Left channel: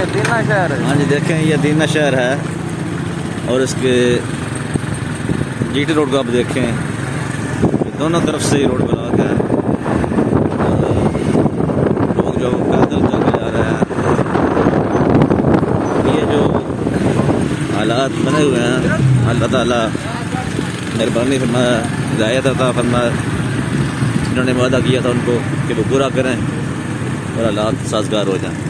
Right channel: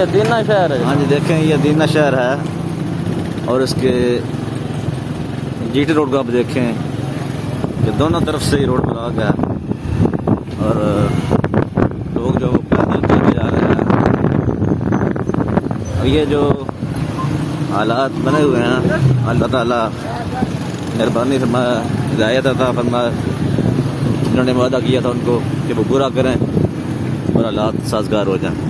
ये दीना शहर है। हाँ जी देखें, ये दीना शहर है और इसके जीटी रोड को आप देखें कि दोनों तरफ से ही रोड ब्लॉक है और लोग जो पैदल चल के जा रहे हैं। ये जो हालात बने हुए हैं, अल्लाह ताला मेहरबानी फरमाए, हिदायत अता फरमाए। जिन्होंने वादा किया था उनको कि वो पूरा करें और हालात साजगार हो जाएं।